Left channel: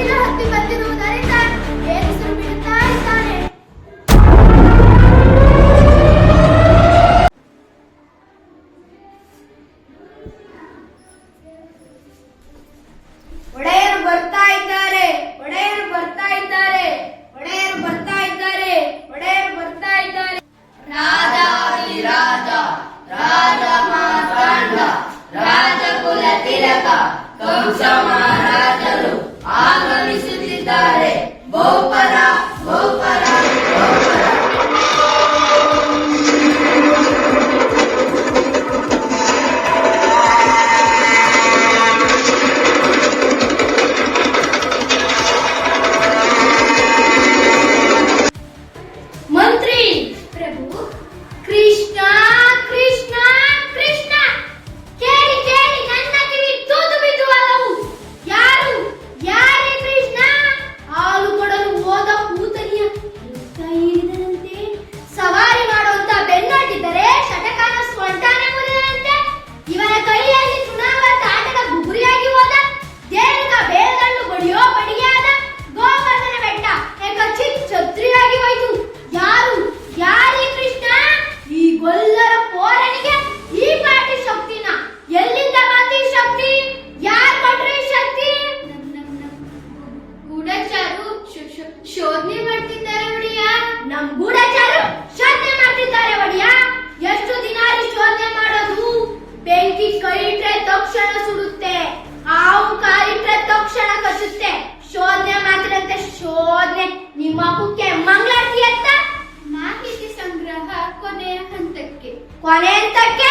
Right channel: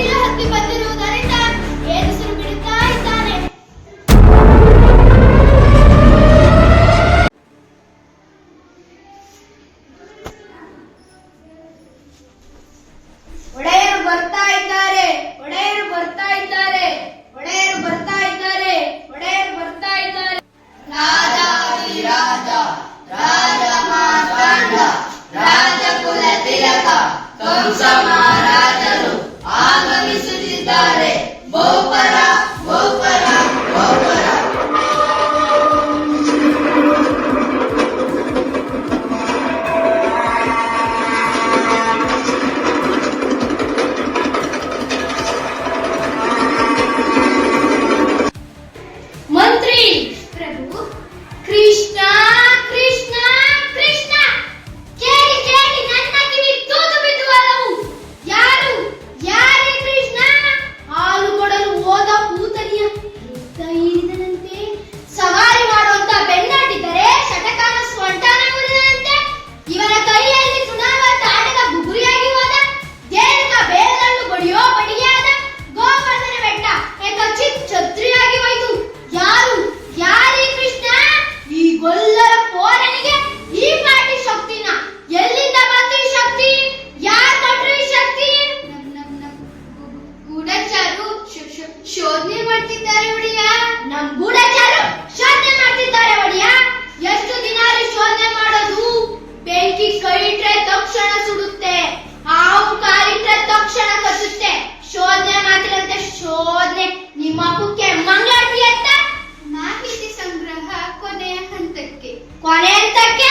ಮೆಟ್ಟಿಲು ಹತ್ತಿ ಬಂದಿರುವುದರಿಂದ ಏರಿಸಲು ಬಿಡುತ್ತಾ ಇದ್ದಾನೆ. ಒಡೆಯರು ಬರ್ತಾ ಇದ್ದಾರೆ, ಒಡೆಯರು ಬರ್ತಾ ಇದ್ದಾರೆ, ಒಡೆಯರು ಬರ್ತಾ ಇದ್ದಾರೆ, ಒಡೆಯರು ಬರ್ತಾ ಇದ್ದಾರೆ. ರಾಜ ರಾಜ ರಾಜ ಕುಲ ತಿಲಕ ಕಂಸ ಆಗಮಿಸುತ್ತಿದ್ದಾರೆ 40 que